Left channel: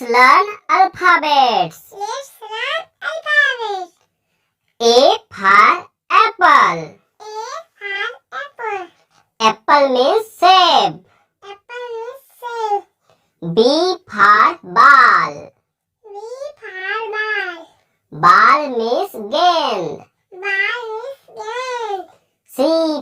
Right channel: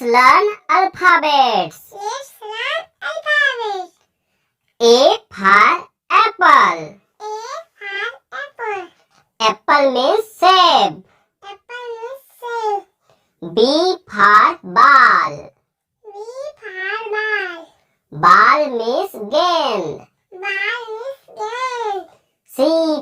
Let's learn alphabets. Let's learn alphabets. A for apple. A for apple. Apple means save. Apple means save. B for ball. B for ball. Ball means gained. Ball means gain. C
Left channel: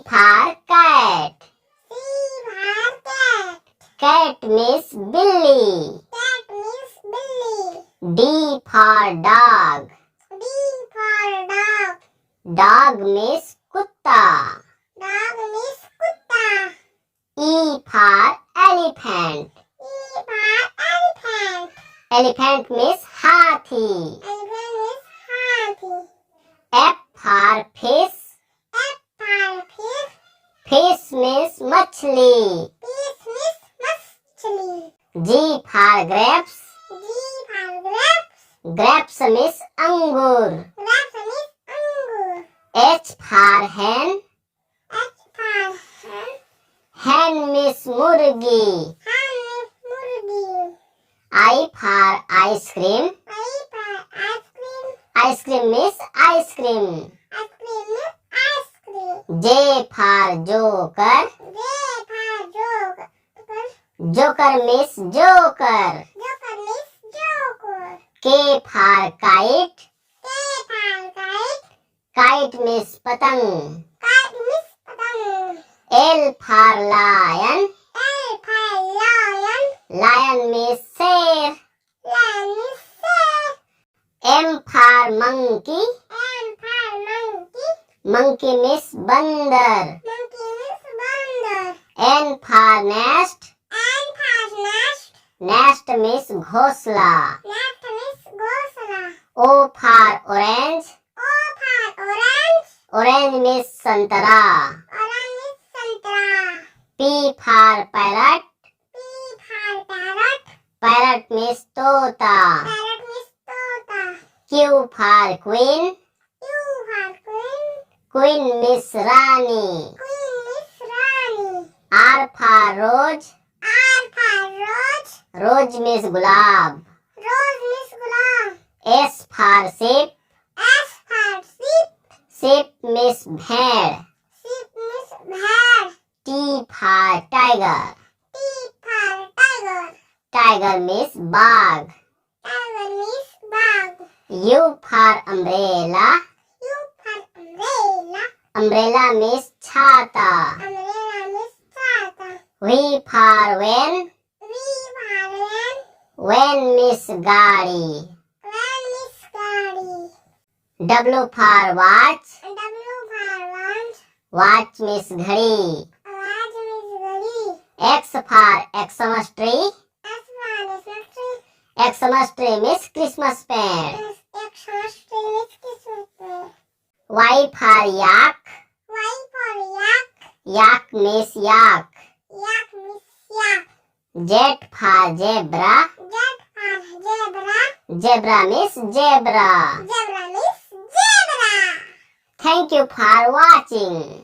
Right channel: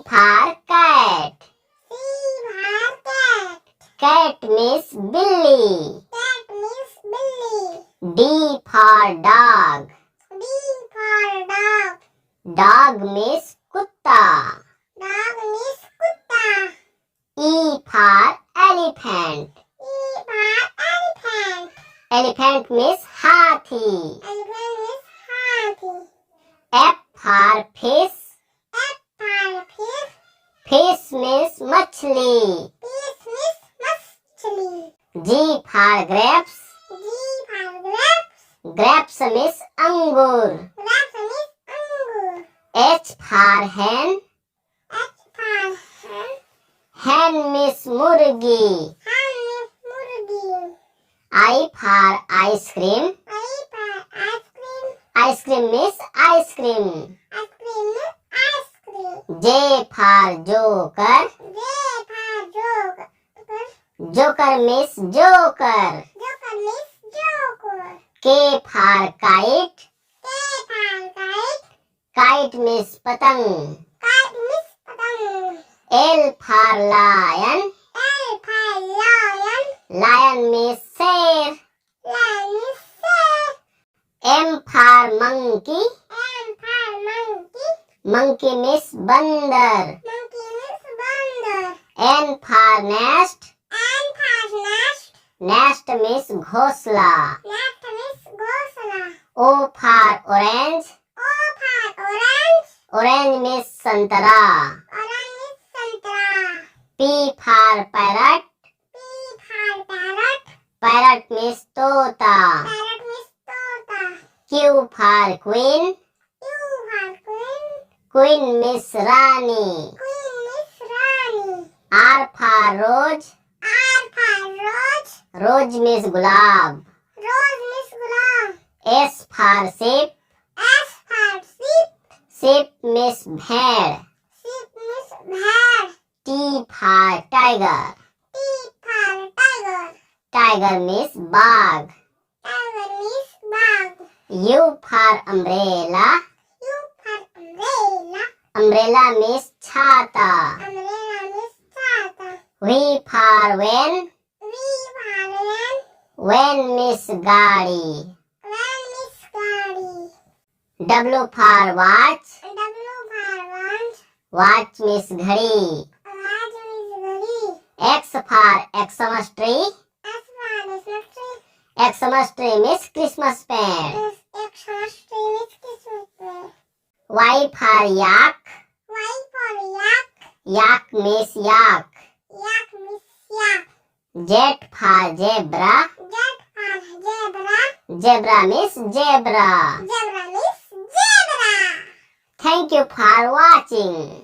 for cat. C for cat. Cat means Billy. Cat means Billy. D for dog. D for dog. Dog means kutta. Dog means kutta. E for elephant. E for elephant. Elephant means hathi. Elephant means hathi. F for fish. F for fish. Fish means machli. Fish means machli. G for grapes. G for grapes. Grapes means angur. Grapes means angur. H for hen. H for hen. Hen means murgi. Hen means murgi. I for ice cream. I for ice cream. Ice cream means ice cream. Ice cream means ice cream. J for joker. J for joker. Joker means joker. Joker means joker. K for kite. K for kite. Kite means patang. Kite means patang. L for lion. L for lion. Lion means sher. Lion means sir. M for monkey. M for monkey. Monkey means bandar. Monkey means bandar. N for nest. N for nest. Nest means ghosla. Nest means ghosla. O for orange. O for orange. Orange means santara. Orange means santra. P for parrot. P for parrot. Parrot means tota. Parrot means tota. Q for queen. Q for queen. Queen means rani. Queen means rani. R for rose. R for rose. Rose means gulab. Rose means gulab. S for sheep. S for sheep. Sheep means bhed. Sheep means bhed. T for tiger. T for tiger. Tiger means bag. Tiger means bag. U for umbrella. U for umbrella. Umbrella means chata. Umbrella means chata. V for van. V for van. Van means gadi. Van means gadi. W for watch. W for watch. Watch means घड़ी. Watch means घड़ी. X for Xmas tree. S for tree. Xmas tree means Christmas plant. Xmas tree means Christmas tree. Y for yak. Y for yak. Yak means yak. Yak means yak. Z for zebra. Z for zebra. Zebra means zebra. Zebra means zebra. Thank you for watching.